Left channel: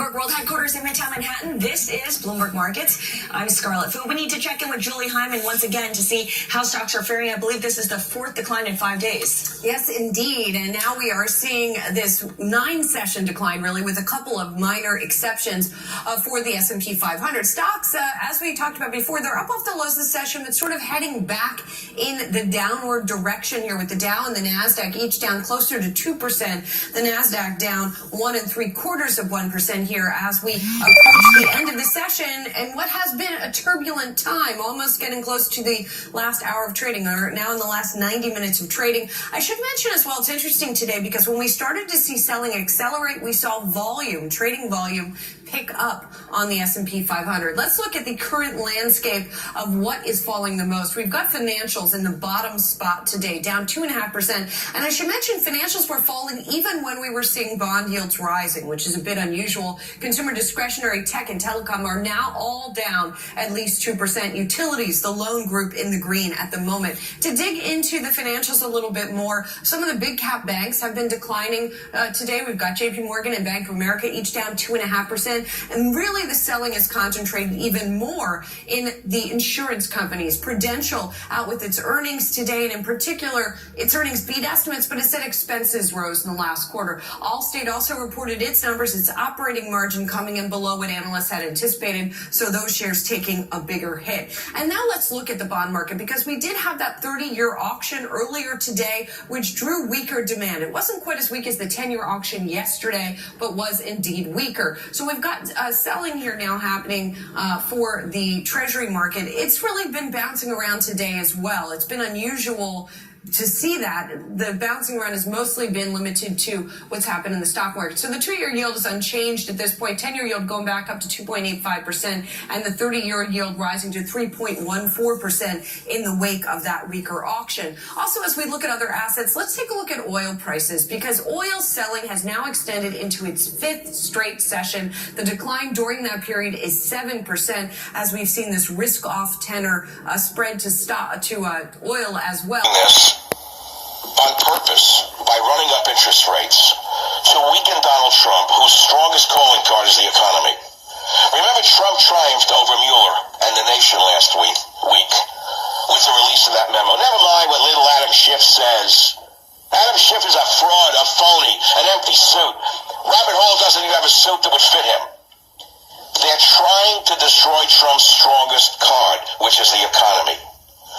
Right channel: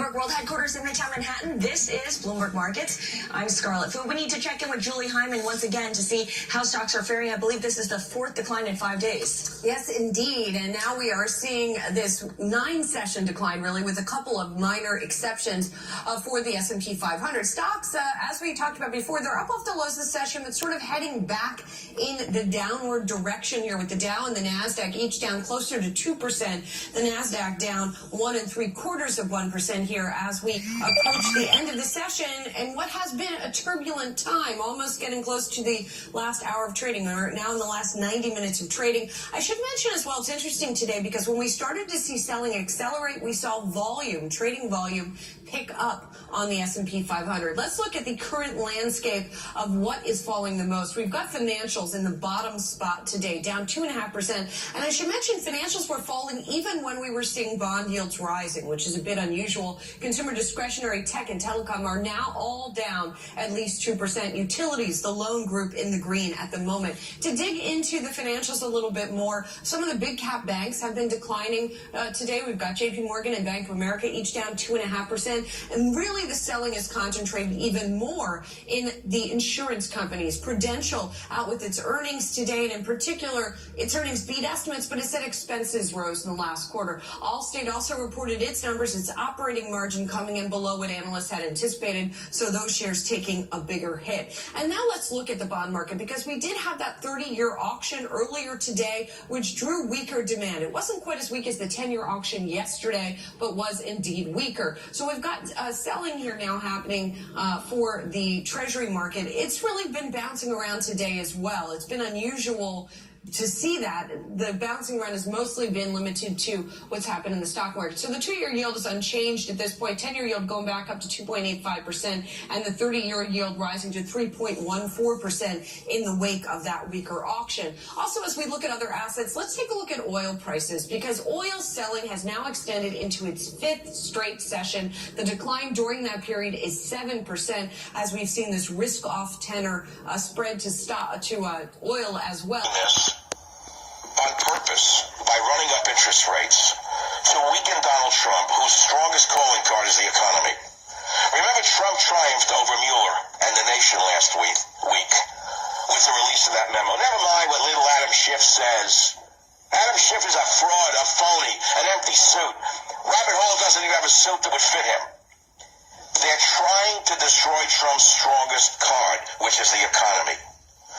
Bloomberg World Headquarters in Midtown Manhattan. This is Bloomberg Markets. I'm Scarlett Fu. We need to check in with Julie Hyman once again to see how stocks are faring. I believe this is the fourth decline in 5 days. Yes, indeed. And now we are seeing this 9-session decline, really, with a couple of minor exceptions for the S&P 500. Stocks, as we talked about before, they're up off the lows this session, but sort of heading back in the downward direction here with the Dow and the NASDAQ each down closer to 2%. The NASDAQ down 1 3/4% here as we approach the end of the session and what has been a turbulent time, almost getting close to the last hour of trading, or now in the last 90 minutes of trading. I should mention as well, it's interesting today because when we started to see selling accelerate, we saw trading volume pick up on the S&P 500. Let's look at the current landscape of what is falling the most. We've got financials in the bottom spot today, down 2.5%. And I should mention financials were falling even when we were seeing bond yields rising, which is a bit unusual. Consumer discretionary, tech, and telecom are now all down at least 2%. Utilities, the lone group, in the green at the moment. To dig into the financials a little bit more, some of the big cap banks have been declining today. We've got JP Morgan and Bank of America each down 2.5%. And really the selling is concentrated even more in the insurance companies. Prudential out with its earnings today, and in particular, its earnings beat estimates, but it said expenses rose in the last quarter. Allstate also reported its numbers, its operating margin coming in below what analysts had anticipated, so those shares taking a bigger hit. And now let's look at the bond market, because we did have that 30-year auction earlier today, which drew weaker demand. It wasn't quite as weak as the 10-year auction yesterday, but was indeed weaker. So we've got selling here now happening for the Treasury market. It's really been bouncing around today as well. It's been unusual to see that. The bouncing around has mostly been limited to what's happened in the stock market. So the 2-year yield is unchanged at this point. 10-year yield going back up to 2.85%, and the 30-year yield rising to 3.14% in the wake of that weaker auction. Also, as we look at other assets, let's take a look at oil prices, because oil selling has now extended into its 5th straight session. The decline during that period is 7%, as we've seen this risk-off tenor spread to oil as well. On purpose, by running up interest rates to weaken Donald Trump, whose strongest calling card is the economy. Remember, Trump triumphed over Mueller and the nation last week with the release of that memo. Never mind what little Adam Schiff says. Adam Schiff is a fraud, a phony, an empty suit. Robert Hall doesn't even have a suit that would fit him. They're trying to destroy Trump's strongest card, which is the economy.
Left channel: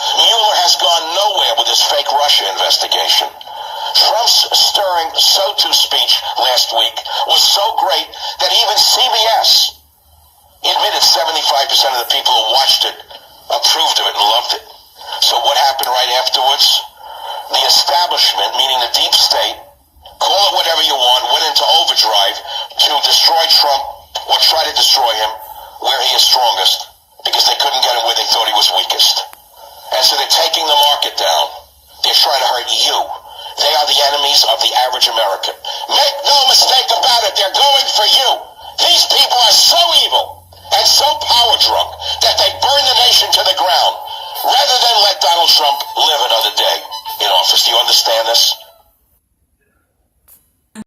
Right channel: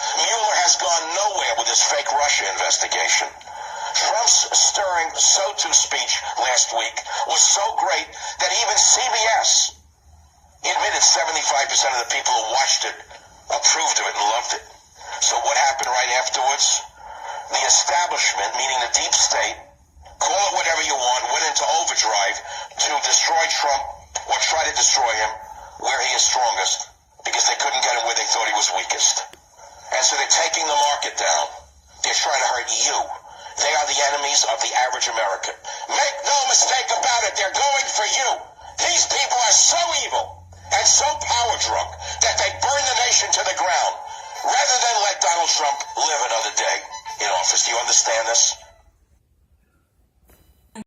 Mueller has gone nowhere with his fake Russia investigation. Trump's stirring so-to speech last week was so great that even CBS admitted 75% of the people who watched it approved of it and loved it. So what happened right afterwards? The establishment, meaning the deep state, call it whatever you want, went into overdrive to destroy Trump or try to destroy him where he is strongest, because they couldn't get him where they thought he was weakest. And so they're taking the market down. They're trying to hurt you. They are the enemies of the average American. Make no mistake about it, they're going for you. These people are so evil and so power drunk that they burn the nation to the ground rather than let Donald Trump live another day in office. Do you understand this?